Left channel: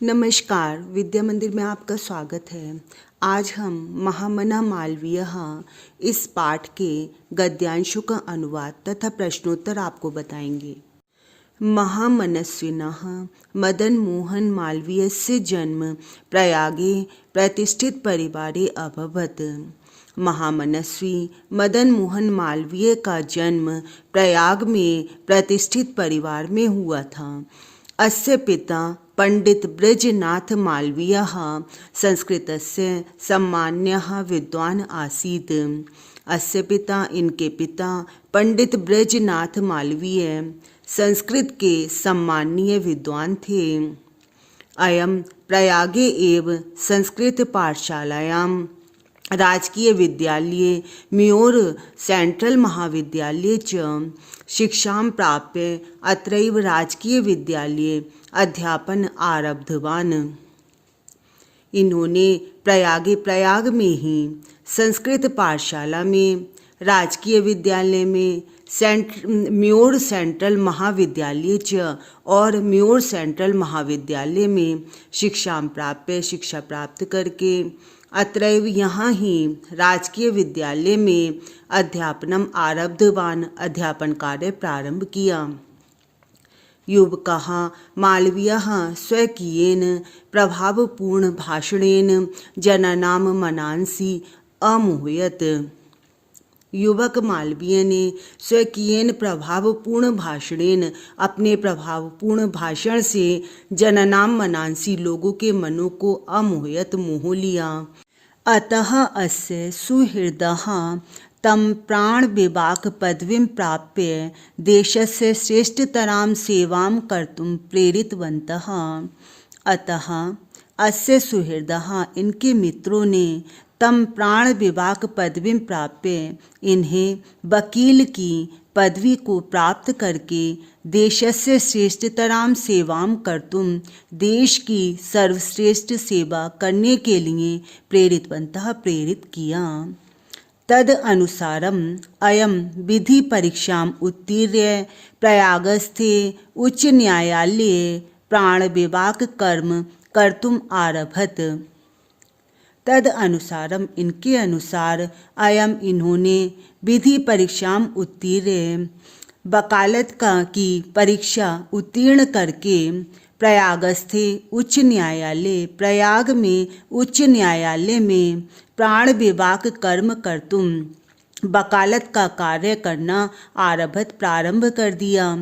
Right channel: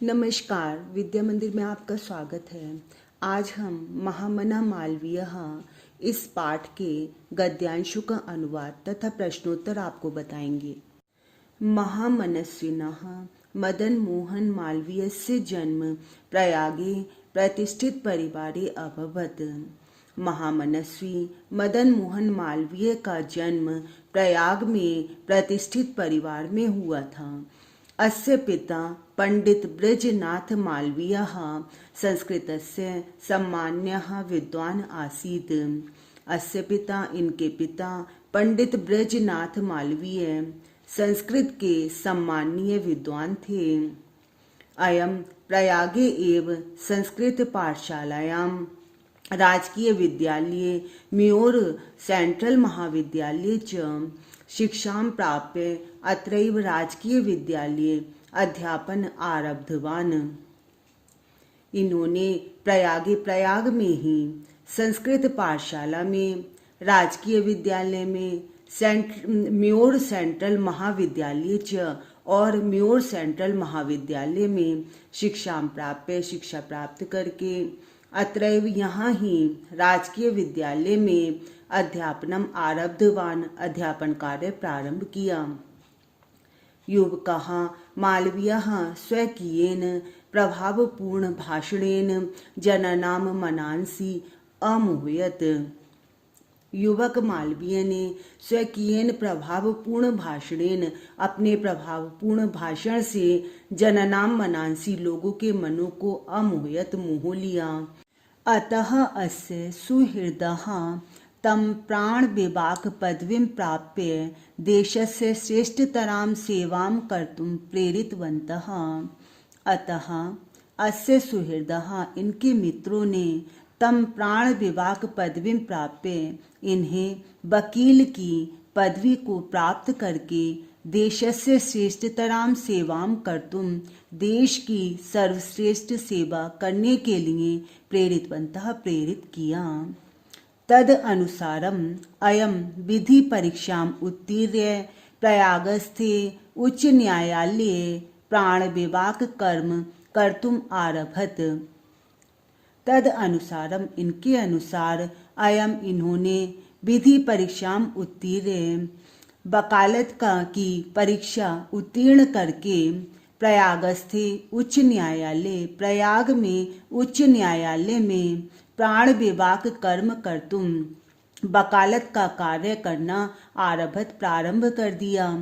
नमस्कार, विद्या मंदिर में आपका स्वागत है। आज हम महामना मालवीय इस पाठ के गद्यांशों का अनुवाद तथा प्रश्नोत्तर आपको बताएंगे। महामनस्विनः मदन मोहन मालवीयस्य जन्म प्रयागे प्रतिष्ठित परिवारे अभवत्। महामनस्वी मदन मोहन मालवीय का जन्म प्रयाग में प्रतिष्ठित परिवार में हुआ था। अस्य पिता पंडित ब्रजनाथ मालवीयः संस्कृतस्य सम्मान्यः विद्वान् आसीत्। अस्य पिता इनके पिता पंडित ब्रजनाथ मालवीय संस्कृत के सम्मानीय विद्वान थे। अयं प्रयागे एव संस्कृत पाठशालायां राजकीय विद्यालये म्योर सेंट्रल महाविद्यालये च शिक्षां प्राप्य अत्रैव राजकीय विद्यालये अध्यापन आरब्धवान्। इन्होंने प्रयाग में ही संस्कृत पाठशाला में, राजकीय विद्यालय में, म्योर सेंट्रल महाविद्यालय च और म्योर सेंट्रल महाविद्यालय में शिक्षा प्राप्त करके अत्रैव यहाँ ही राजकीय विद्यालय में अध्यापनम आरब्धवान् अध्यापन कार्य प्रारंभ किया। युवकः मालवीयः स्वकीयेन प्रभावपूर्ण भाषणेन जनानां मनांसि अमोहयत्। युवक मालवीय ने स्वकीयेन प्रभावपूर्ण भाषणेन अपने प्रभावपूर्ण भाषण से जननां मनांसि लोगों के मनों को अमोहयत मोह लिया। अतः अस्य सुहृदः तं प्राण विभाग पदवीं प्राप्य देशस्य श्रेष्ठतरां सेवां कर्तुं प्रेरितवन्तः। अतः अस्य सुहृदः इनके मित्रों ने तम प्राण विभाग पदवीं प्राप्य इन्हें वकील की पदवी को प्राप्त करके देशस्य श्रेष्ठतरां सेवां कर्तुं देश की सर्वश्रेष्ठ सेवा करने के लिए प्रेरित किया। तद अनुसारम अयम विधि परीक्षाम उत्तीर्य प्रयागस्थे उच्च न्यायालये प्राण विभाग कर्म कर्तुम आरभत। तद अनुसारम इनके अनुसार अयम इन्होंने विधि परीक्षाम उत्तीर्य वकालत की परीक्षा उत्तीर्ण करके प्रयागस्थे उच्च न्यायालय प्रयाग में उच्च न्यायालय में प्राण विभाग कर्म कर्तुम वकालत का कार्य करना आरभत प्रारंभ कर दिया।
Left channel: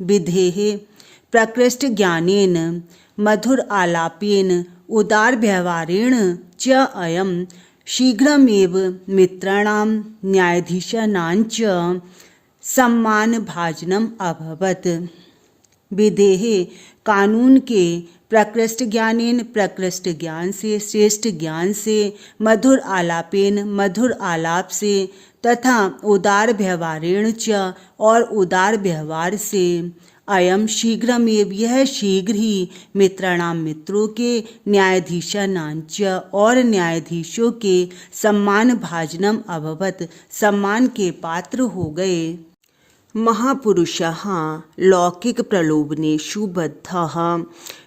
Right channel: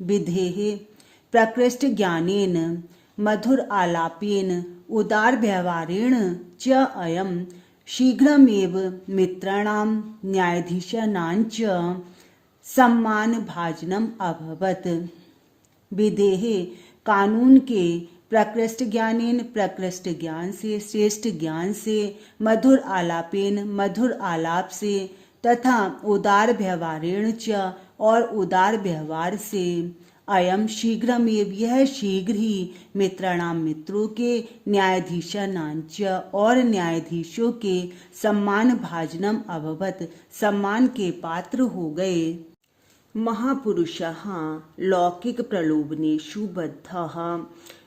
विधेः प्रकृष्ट ज्ञानेन मधुर आलापेन उदार व्यवहारेण च अयं शीघ्रमेव मित्राणां न्यायाधीशानां च सम्मान भाजनम अभवत्। विधेः कानून के प्रकृष्ट ज्ञानेन प्रकृष्ट ज्ञान से, श्रेष्ठ ज्ञान से, मधुर आलापेन मधुर आलाप से तथा उदार व्यवहारेण च और उदार व्यवहार से अयम शीघ्रमेव यह शीघ्र ही मित्राणाम मित्रों के, न्यायाधीशानांच और न्यायाधीशों के सम्मान भाजनम अभवत सम्मान के पात्र हो गए। महापुरुषाः लौकिक प्रलोभनेषु बद्धाः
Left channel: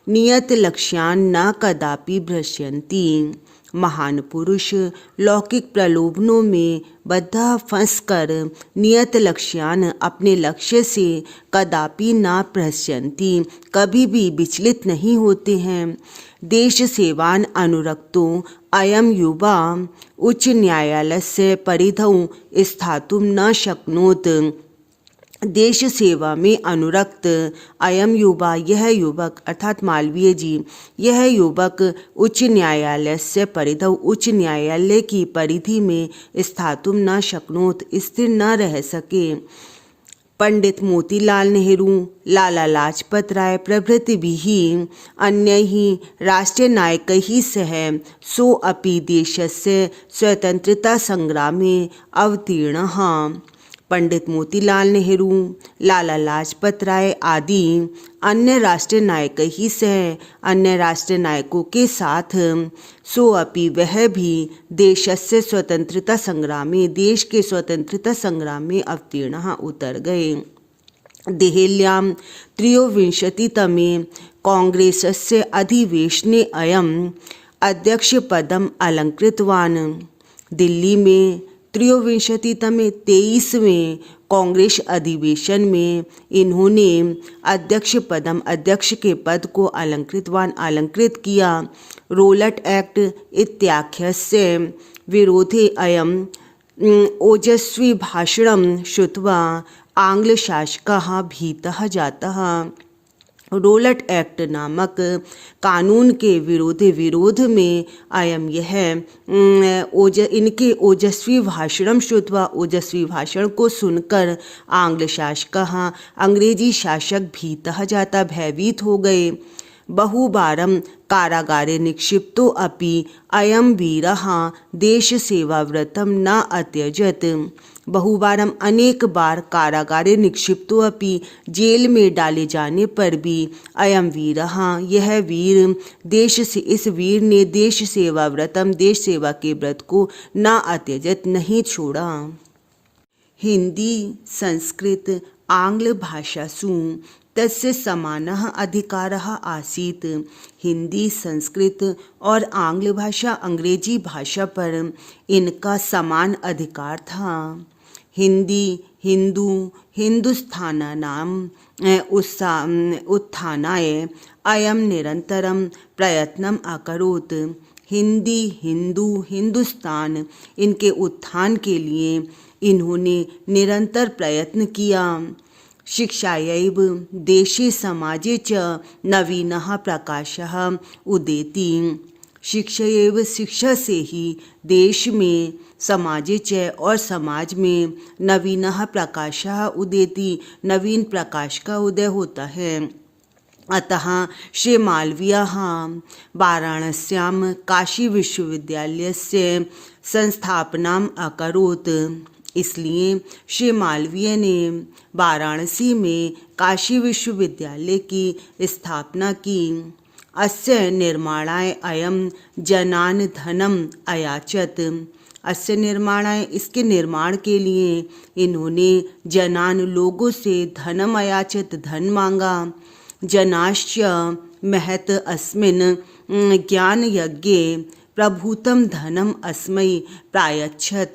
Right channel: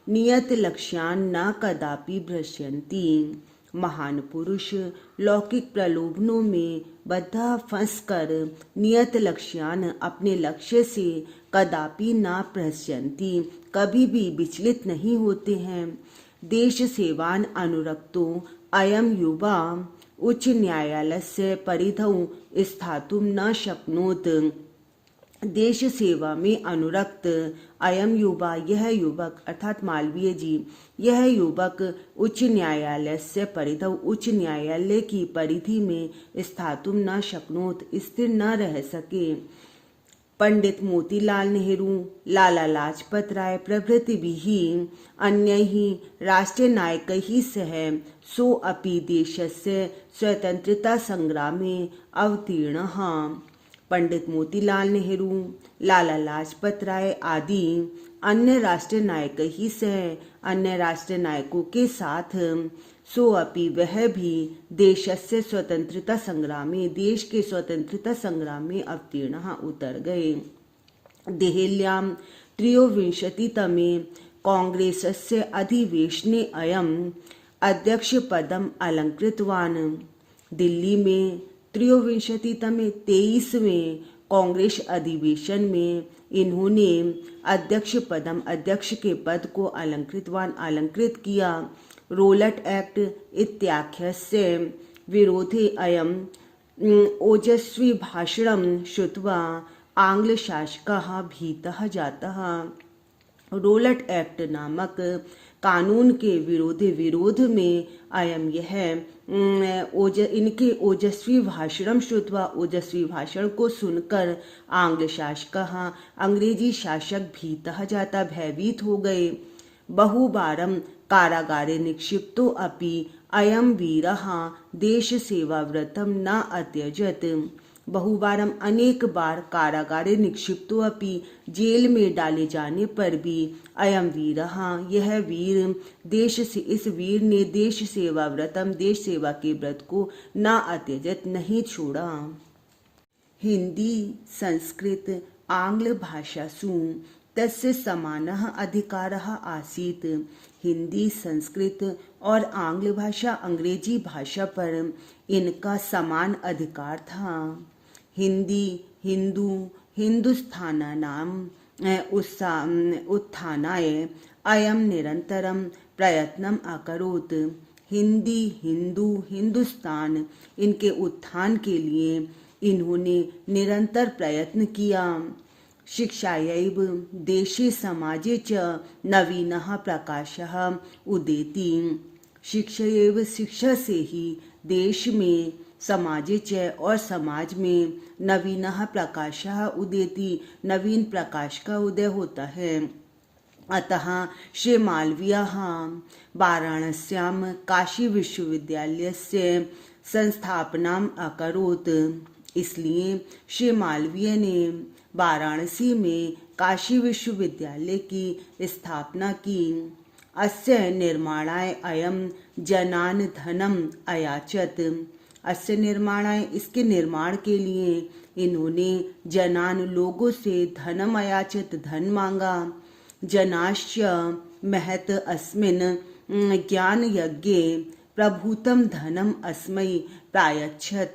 नियत लक्ष्यान् न कदापि भ्रश्यन्ति। महान पुरुष लौकिक प्रलोभनों में बद्धा फंसकर नियत लक्ष्यान अपने लक्ष्य से कदापि न भ्रश्यन्ति कभी भी विचलित नहीं होते हैं। देश सेवान अनुरक्तो अयम युवा उच्च न्यायालयस्य परिधौ स्थातुं न शक्नोत। देश सेवा में अनुरक्त अयम युवा यह युवक अर्थात मालवीय जी यह युवक उच्च न्यायालय से परिधौ उच्च न्यायालय की परिधि में स्थातुम न शक्नोत स्थिर न रह सके। पंडित मोतीलाल नेहरू, लाला लाजपत राय प्रभृतिभिः अन्यैः राष्ट्रनायकैः सह सोऽपि देशस्य स्वतन्त्रतासंग्रामे अवतीर्णः। पंडित मोतीलाल नेहरू, लाला लाजपत राय आदि अन्य राष्ट्रीय नायकों सह अन्य राष्ट्रीय नायकों के साथ सोअपि वह भी देशस्य स्वतंत्रता संग्राम में देश के स्वतंत्रता संग्राम में अवतीर्णः उतर गए। देहल्यां त्रयोविंशतितमे कांग्रेसस्य अधिवेशने अयम् अध्यक्षपदम् अलङ्कृतवान्। दिल्ली में 23वें 23वें कांग्रेस अधिवेशन में इन्होंने अध्यक्ष के पद को अलंकृत किया। रोलट एक्ट इत्याख्यस्य विरोधे अयम् ओजस्वी भाषणं श्रुत्वा आंग्लशासकाः भीतः जातः। रोलट एक्ट नामक कानून के विरोध में इनके ओजस्वी भाषणम श्रुत्वा ओजस्वी भाषण को सुनकर आंग्ल शासकाः अंग्रेजी शासक भीतः जाता भयभीत हो गए। बहुवारं कारागारे निक्षिप्तो अपि अयं वीरः देशसेवाव्रतं न अत्यजत्। बहुवारम अनेक बार कारागारे निक्षिप्तो अपि जेल में डाले जाने पर भी अयम वीरः यह वीर इस वीर ने देश सेवा व्रतम देश सेवा के व्रत को न अत्यजत नहीं छोड़ा। हिंदी संस्कृत आंग्ल भाषासु तस्य समानः अधिकारः आसीत्। हिंदी संस्कृत और आंग्ल भाषा अंग्रेजी भाषा पर इनका समान अधिकार था। हिंदी हिंदू हिंदुस्थानानाम् उत्थानाय अयं निरन्तरं प्रयत्नम् अकरोत्। हिंदी हिंदू हिंदुस्तान इनके उत्थान के लिए इन्होंने निरंतर प्रयत्न किया। शिक्षायैव देशे समाजे च नवीनः प्रकाशः उदेति। शिक्षायैव शिक्षा से ही देश में समाजे च और समाज में नवीनः प्रकाशः उदेति नवीन प्रकाश का उदय होता है। अतः श्री मालवीयः वाराणस्यां काशी विश्वविद्यालयस्य संस्थापनाम् अकरोत्। इसलिए श्री मालवीय ने वाराणसी में काशी विश्वविद्यालय की स्थापना की। अस्य निर्माणाय अयं जनान् धनम् अयाचत। अस्य निर्माणाय इसके निर्माण के लिए इन्होंने जनान लोगों से धनम अयाचत धन मांगा। जनाश्च महत अस्मिन् ज्ञान यज्ञे प्रभूतम धनम अस्मै प्रायच्छत।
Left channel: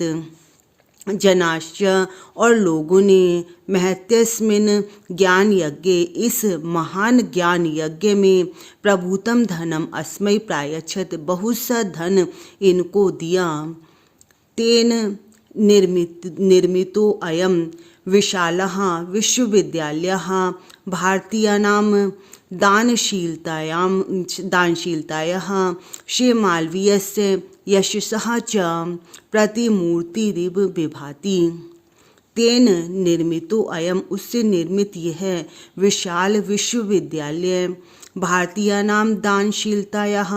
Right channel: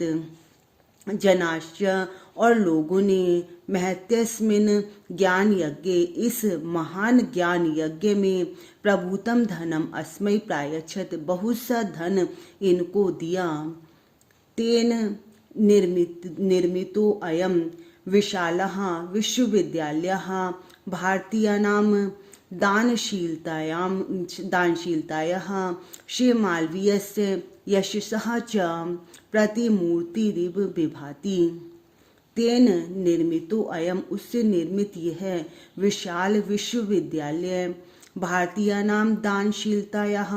जनाश्च और लोगों ने महत्यस्मिन् ज्ञान यज्ञ इस महान ज्ञान यज्ञ में प्रभूतम धनम अस्मै प्रायच्छत बहुत सा धन इनको दिया। तेन निर्मितो अयं विशालः विश्वविद्यालयः भारतीयानां दानशीलतायाः श्री मालवीयस्य यशसः च प्रतिमूर्तिरिव विभाति। तेन निर्मितो अयम उससे निर्मित यह विशाल विश्वविद्यालय भारतीयानां दानशीलतायाः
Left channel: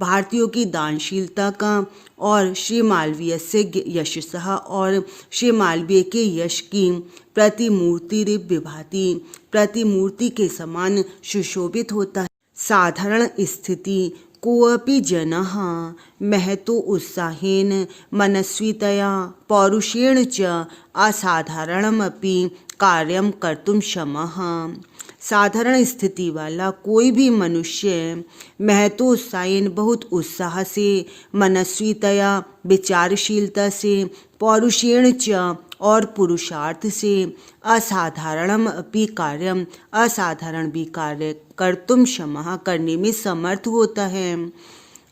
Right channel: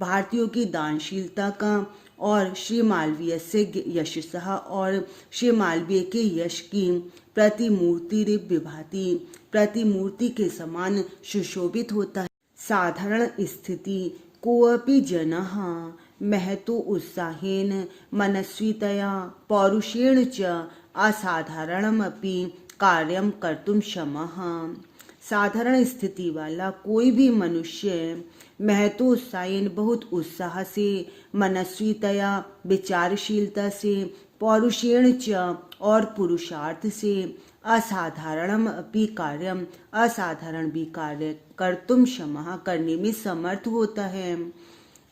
भारतीयों की दानशीलता का और श्री मालवीय से यशसः और श्री मालवीय के यश की प्रतिमूर्तिरिव विभाति प्रतिमूर्ति के समान सुशोभित होता है। साधारण स्थिति कोऽपि जनः महतो उत्साहेन मनस्वितया पौरुषेण च असाधारणमपि कार्यं कर्तुं क्षमः। साधारण स्थिति वाला कोई भी मनुष्य महतोत्साहेन बहुत उत्साह से मनस्वितया विचारशीलता से पौरुषेण च और पुरुषार्थ से असाधारणम अपि कार्यम असाधारण भी कार्य कर्तुम क्षमः करने में समर्थ होता है।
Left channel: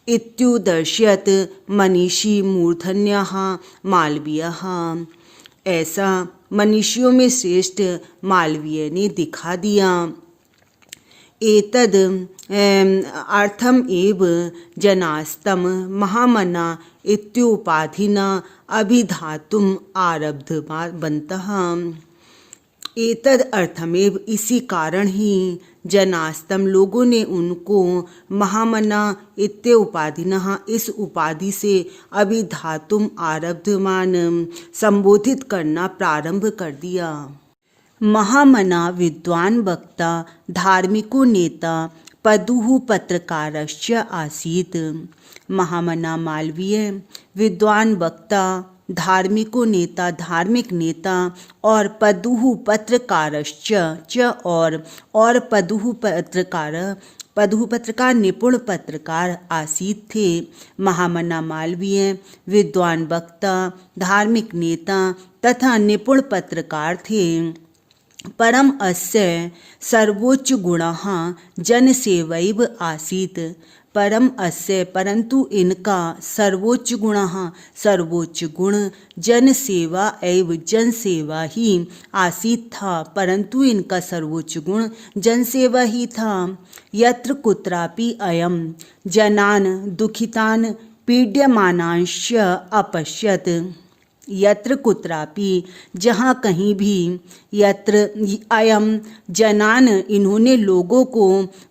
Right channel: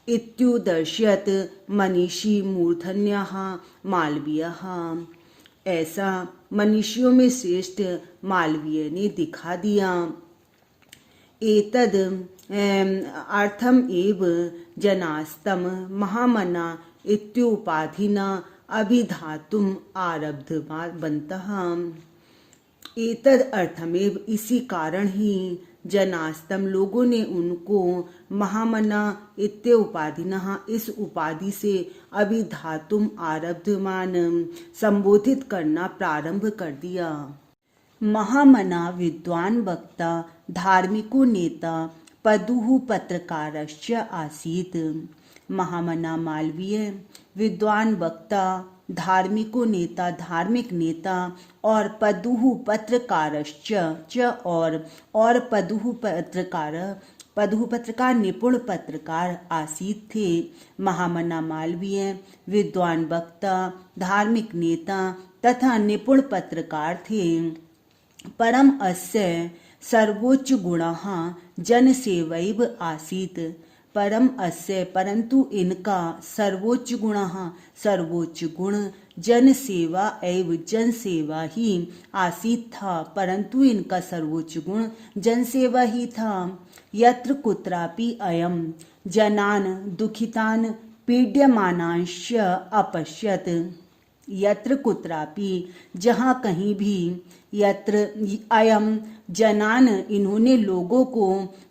इत्युदर्शयत मनीषी मूर्धन्यः मालवीयः। ऐसा मनीषियों में श्रेष्ठ मालवीय ने दिखा दिया। एतद अर्थम एव जनास्तम महामना इत्योपाधिना अभिधातुम आरब्धवन्तः। एतद अर्थमेव इसी कारण ही जनास्तम लोगों ने उनको महामना इत्य उपाधिनः इस उपाधि से अभिधातुम आरब्धमान संबोधित करना प्रारंभ कर दिया। महामना विद्वान वक्ता धार्मिको नेता पदुः पत्रकारश्च आसीत्। महामना मालवीय विद्वान वक्ता धार्मिको नेता धार्मिक नेता और पदुः पत्रकारश्च च और पदुः पत्रकार पदु पत्रकार निपुण पत्रकार आसीत थे। महामना मालवीय विद्वान वक्ता, धार्मिक नेता तथा निपुण पत्रकार थे। परम अस्य सर्वोच्च गुणः जनसेवैव आसीत्। परम अस्य परंतु इनका सर्वोच्च गुणः सर्वोच्च गुण जनसेवा एवं जनसेवा ही आसीत था। परंतु इनका सर्वोच्च गुण जनसेवा ही था। यत्र कुत्रापि अयं जनान् दुखितान् पीड्यमानांश्च अपश्यत्। यत्र कुत्रापि जहाँ कहीं भी, यत्र अयम जनान इन्होंने लोगों को,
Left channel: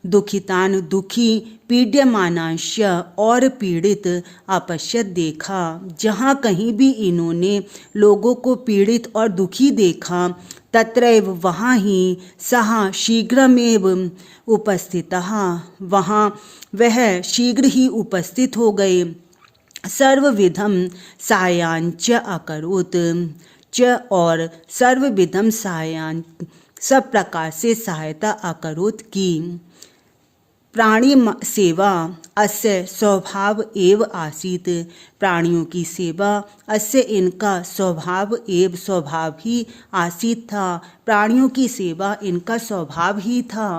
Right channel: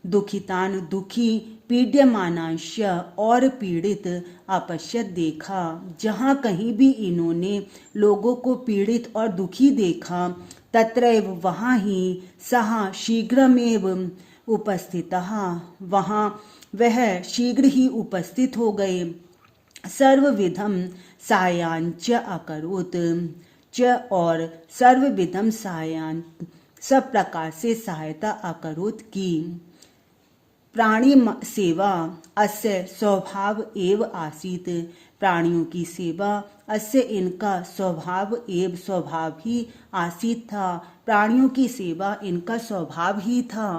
दुखितान दुखी, पीड्यमानांश और पीड़ित, अपश्यत देखा, जहाँ कहीं भी इन्होंने लोगों को पीड़ित और दुखी देखा, तत्रैव वहाँ ही सः शीघ्रमेव उपस्थितः, वहाँ वह शीघ्र ही उपस्थित हो गए। सर्वविधम सहायांच अकरोत् च और सर्वविधम सहायां सब प्रकार से सहायता अकरोत् की। प्राणी सेवा अस्य स्वभाव एव आसीत। प्राणियों की सेवा अस्य इनका स्वभाव एव स्वभाव ही आसीत था। प्राणियों की सेवा इनका स्वभाव ही था।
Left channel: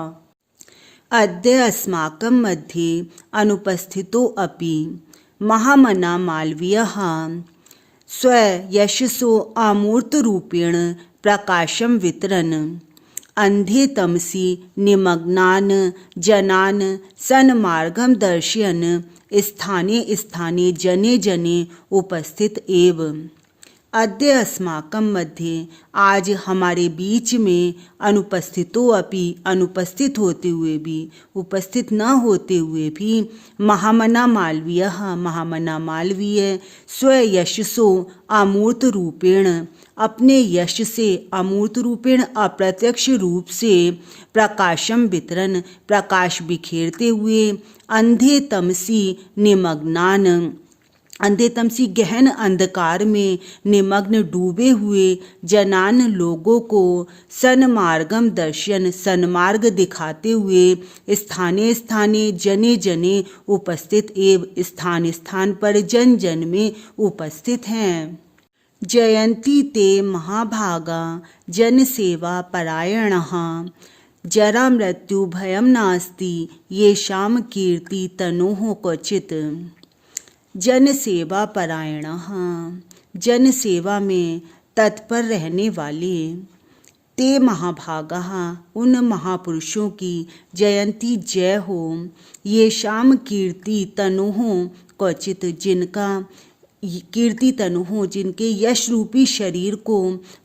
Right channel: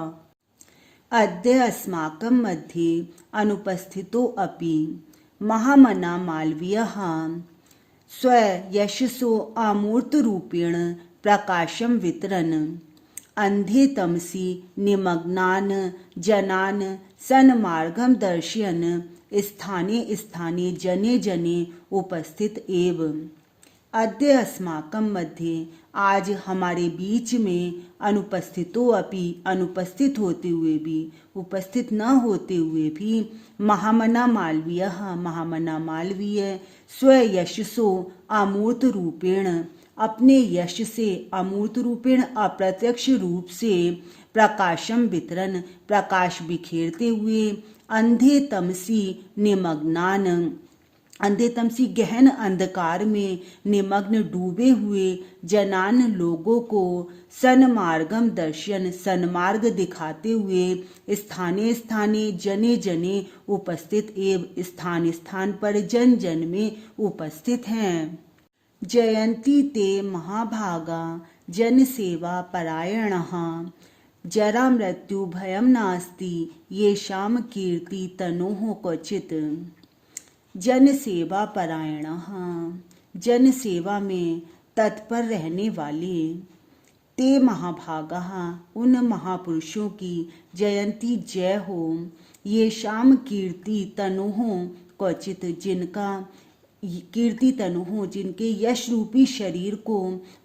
अद्य अस्माकं मध्ये अनुपस्थितो अपि महामना मालवीयः स्वयशसो अमूर्तरूपेण प्रकाशं वितरन् अंधे तमसि निमग्नान् जनान् सन्मार्गं दर्शयन् स्थाने स्थाने जने जने उपस्थित एव। अद्य अस्माकं मध्ये आज हमारे बीच में अनुपस्थितो अपि अनुपस्थित होते हुए भी, उपस्थित न होते हुए भी, महामना मालवीयः महामना मालवीय स्वयशसो अमूर्त रूपेण अपने यश से, अमूर्त रूपेण अप्रत्यक्ष रूप से, प्रकाशम वितरण प्रकाश बिखेरते हुए, अंधे तमसी निमग्नान अंधे तमसी गहन अंधकार में निमग्न डूबे हुए जनान लोगों को सन्मार्गम दर्शन सन्मार्ग दिखाते हुए स्थाने स्थाने जने जने उपस्थित एव स्थान स्थान पर जन जन में उपस्थित हैं। जयंती ते महाभागा जन सेवा परायणः जरा मृत्यु भयं नास्ति येषां कीर्ति तनोः क्वचित्। जन सेवा परायणः जन सेवा में तत्पर रहने वाले, ते महाभागाः उन महापुरुषों की जयंती जय हो, येषां कीर्ति तनोः क्वचित् जिनका कीर्ति तनु जिनके यश रूपी शरीर को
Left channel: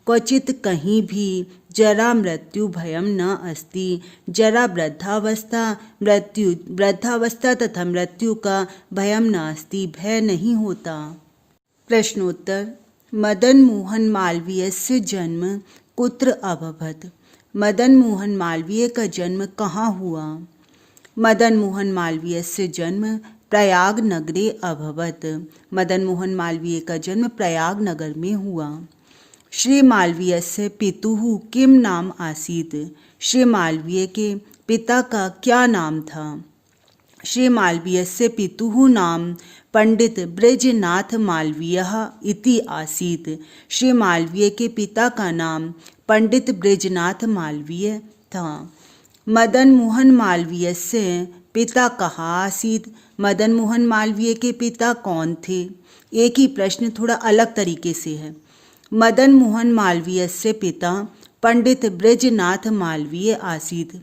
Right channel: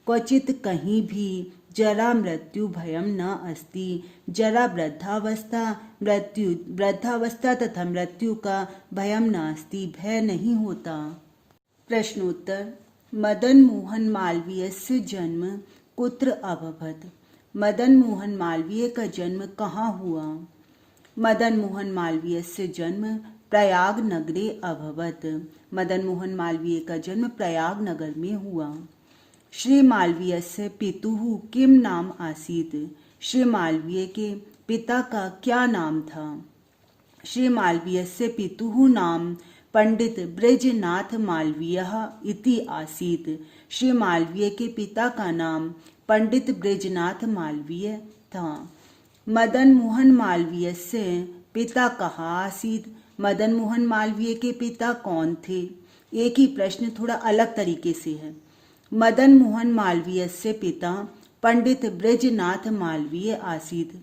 क्वचित कहीं भी जरा मृत्यु भयम न अस्ति। जरा वृद्धावस्था तथा मृत्यु का भयम नास्ति, भय नहीं होता। प्रश्नोत्तर। मदन मोहन मालवीयस्य जन्म कुत्र अभवत्? मदन मोहन मालवीय का जन्म कहाँ हुआ? मदन मोहन मालवीयस्य जन्म प्रयाग नगरे अभवत्। मदन मोहन मालवीय का जन्म प्रयाग नगर में हुआ। श्री मालवीयस्य पितुः किम नाम आसीत्? श्री मालवीय के पिता का क्या नाम था? श्री मालवीयस्य पितुः नाम पंडित ब्रजनाथ मालवीयः इति आसीत्। श्री मालवीय के पिता का नाम पंडित ब्रजनाथ मालवीय था। मदन मोहन मालवीयस्य पिता कहाँ आसीत्? मदन मोहन मालवीय के पिता कौन थे? एक ही प्रश्न थोड़ा अलग तरीके से है। मदन मोहन मालवीयस्य पिता पंडित ब्रजनाथ मालवीय आसीत्।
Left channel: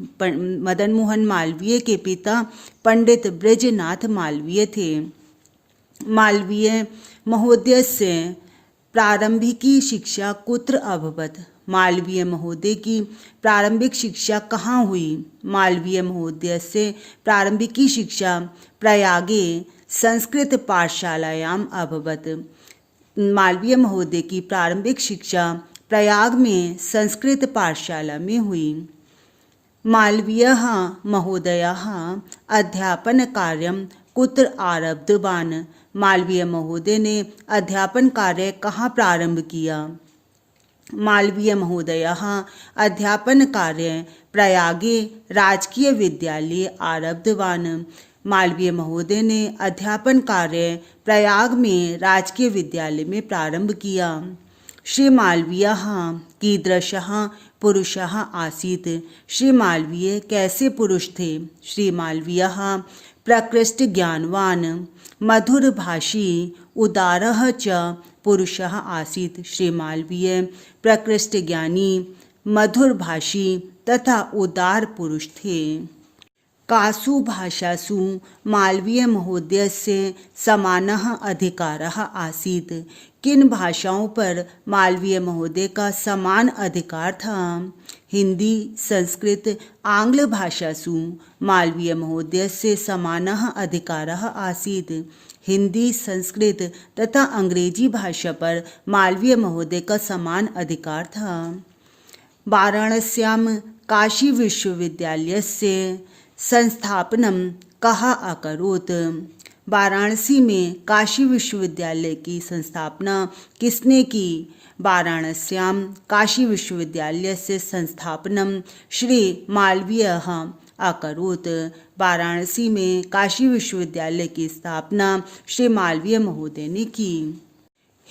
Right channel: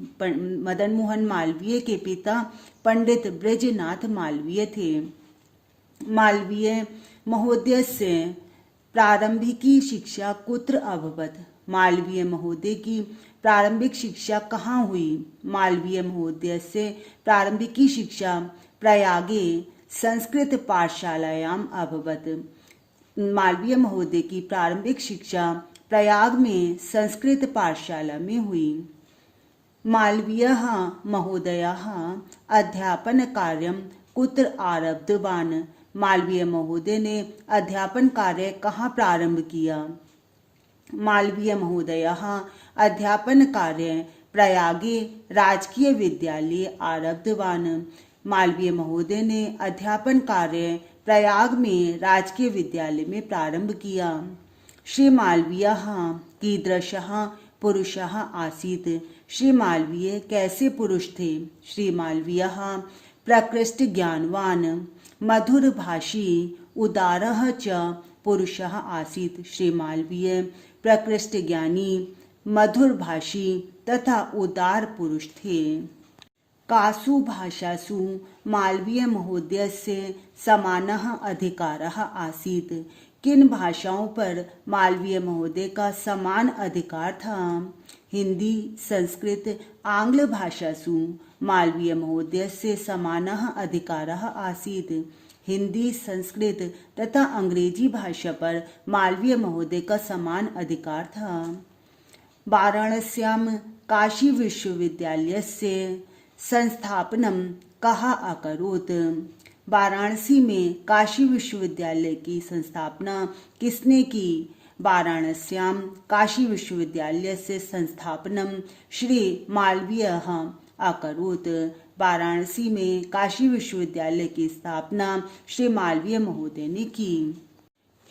मदन मोहन मालवीय के पिता पंडित ब्रजनाथ मालवीय थे। मालवीय महोदयस्य प्रारंभिकी शिक्षा कुत्र अभवत्? मालवीय महोदय की प्रारंभिक शिक्षा कहाँ हुई? मालवीय महोदयस्य प्रारंभिकी शिक्षा प्रयागे संस्कृत पाठशालायाम अभवत्। मालवीय महोदय की प्रारंभिक शिक्षा प्रयाग में संस्कृत पाठशाला में हुई। मालवीयः महोदयः अध्यापन कार्यं कुत्र आरब्धवान्? मालवीय महोदय ने अध्यापन कार्य कहाँ प्रारंभ किया? मालवीय महोदयः अध्यापन कार्य प्रयागे राजकीय विद्यालय आरब्धवान्। मालवीय महोदय ने अध्यापन कार्य प्रयाग में राजकीय विद्यालय में प्रारंभ किया। श्री मालवीयः कीदृशः पुरुषः आसीत्। श्री मालवीय कैसे पुरुष थे। श्री मालवीयः प्रकृष्ट ज्ञानवान् मधुरभाषी उदारः च पुरुषः आसीत्। श्री मालवीय प्रकृष्ट ज्ञानी मधुरभाषी तथा उदार पुरुष थे। कासु भाषासु मालवीय महोदयस्य समानः अधिकारः आसीत्। किन भाषाओं पर मालवीय महोदय का समान अधिकार था। हिंदी संस्कृत आंग्ल भाषासु मालवीय महोदयस्य समानः अधिकारः आसीत्। हिंदी संस्कृत तथा अंग्रेजी भाषा पर मालवीय महोदय का समान अधिकार था। वाराणस्यां काशी विश्वविद्यालयस्य संस्थापनं कः अकरोत्। वाराणसी में काशी विश्वविद्यालय की संस्थापना किसने की। वाराणस्यां काशी विश्वविद्यालय से संस्थापनम श्री मालवीयः अकरोत्। वाराणसी में काशी विश्वविद्यालय की स्थापना श्री मालवीय महोदय ने की।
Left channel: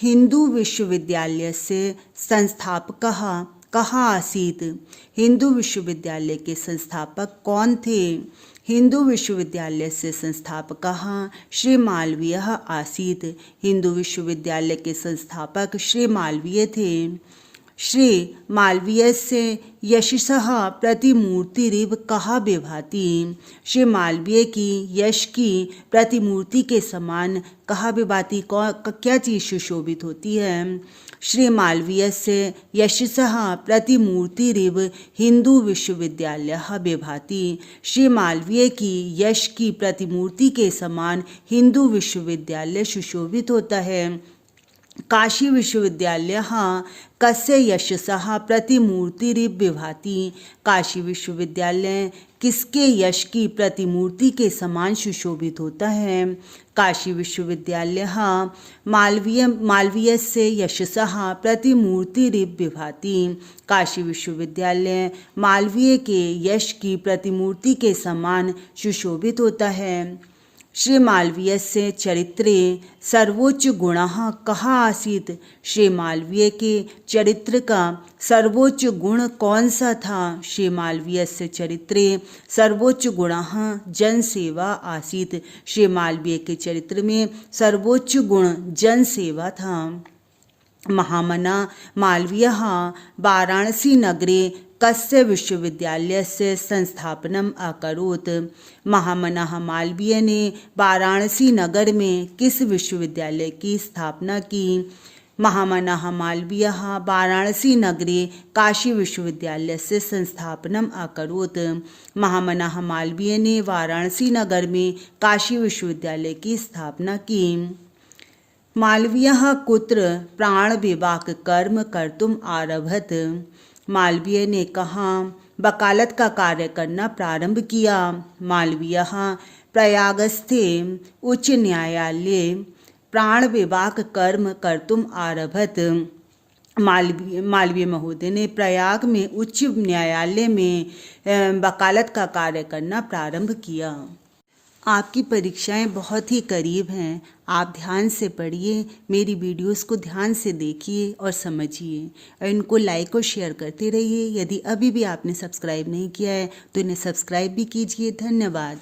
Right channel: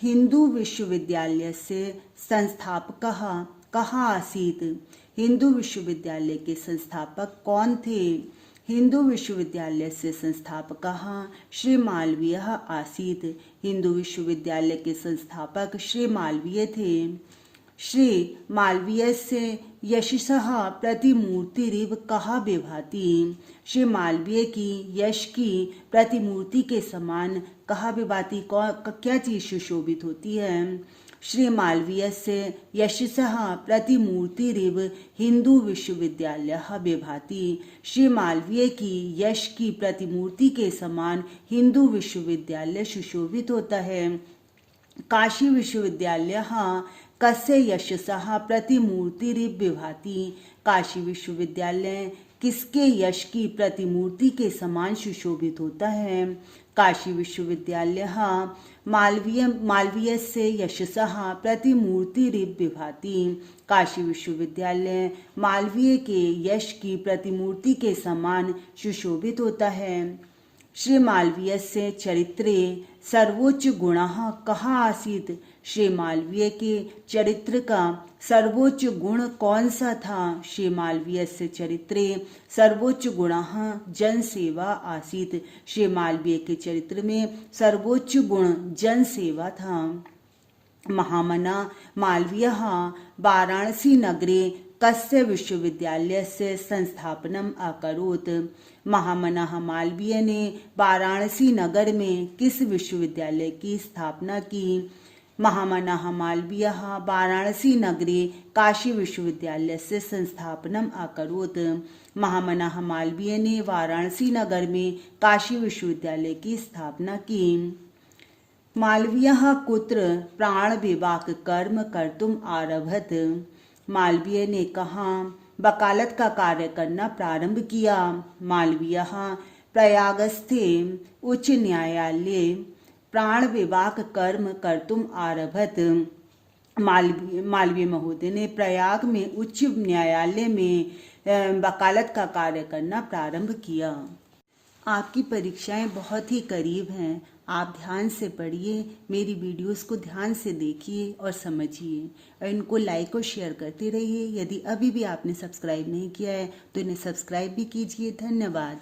हिंदू विश्वविद्यालय से संस्थापकः कः आसीत्। हिंदू विश्वविद्यालय के संस्थापक कौन थे। हिंदू विश्वविद्यालय से संस्थापकः श्री मालवीयः आसीत्। हिंदू विश्वविद्यालय के संस्थापक श्री मालवीय थे। श्री मालवीयस्य यशसः प्रतिमूर्तिरिव कः विभाति। श्री मालवीय की यश की प्रतिमूर्ति के समान कः विभाति, क्या चीज़ सुशोभित होती है। श्री मालवीयस्य यशसः प्रतिमूर्तिरिव हिंदू विश्वविद्यालयः विभाति। श्री मालवीय की यश की प्रतिमूर्ति के समान हिंदू विश्वविद्यालय सुशोभित होता है। काशी विश्वविद्यालयः कस्य यशसः प्रतिमूर्तिरिव विभाति। काशी विश्वविद्यालय किसके यश की प्रतिमूर्ति के समान सुशोभित होता है। काशी विश्वविद्यालयः मालवीयस्य यशसः प्रतिमूर्तिरिव विभाति। काशी विश्वविद्यालय मालवीय के यश की प्रतिमूर्ति के समान सुशोभित होता है। श्री मालवीयस्य चरित्रे सर्वोच्च गुणः कः आसीत्। श्री मालवीय के चरित्र का सर्वोच्च गुण कौन सा था। श्री मालवीयस्य चरित्रे सर्वोच्च गुणः जनसेवा आसीत्। श्री मालवीय के चरित्र में सर्वोच्च गुण जनसेवा था। महामना मालवीयः वाराणसी नगरे कस्य विश्वविद्यालयस्य संस्थापनम अकरोत्। महामना मालवीय ने वाराणसी नगर में किस विश्वविद्यालय की स्थापना की। महामना मालवीयः वाराणसी नगरे काशी विश्वविद्यालय से संस्थापनम अकरोत्। महामना मालवीय ने वाराणसी नगर में काशी विश्वविद्यालय की स्थापना की। मालवीयः कुत्र प्राणविवाक कर्म कर्तुम आरभत। मालवीय ने कहाँ वकालत का कार्य करना प्रारंभ किया। मालवीयः प्रयागस्थे उच्च न्यायालये प्राणविवाक कर्म कर्तुम आरभत। मालवीय महोदय ने प्रयाग में उच्च न्यायालय में वकालत का कार्य करना प्रारंभ किया। आपकी परीक्षाएं बहुत ही करीब हैं। आप ध्यान से पढ़िए, मेरी वीडियोस को ध्यान से देखिए और समझिए और इनको लाइक और शेयर करते रहिए। यदि अभी भी आपने सब्सक्राइब नहीं किया है तो इन्हें सब्सक्राइब भी कीजिए। धन्यवाद।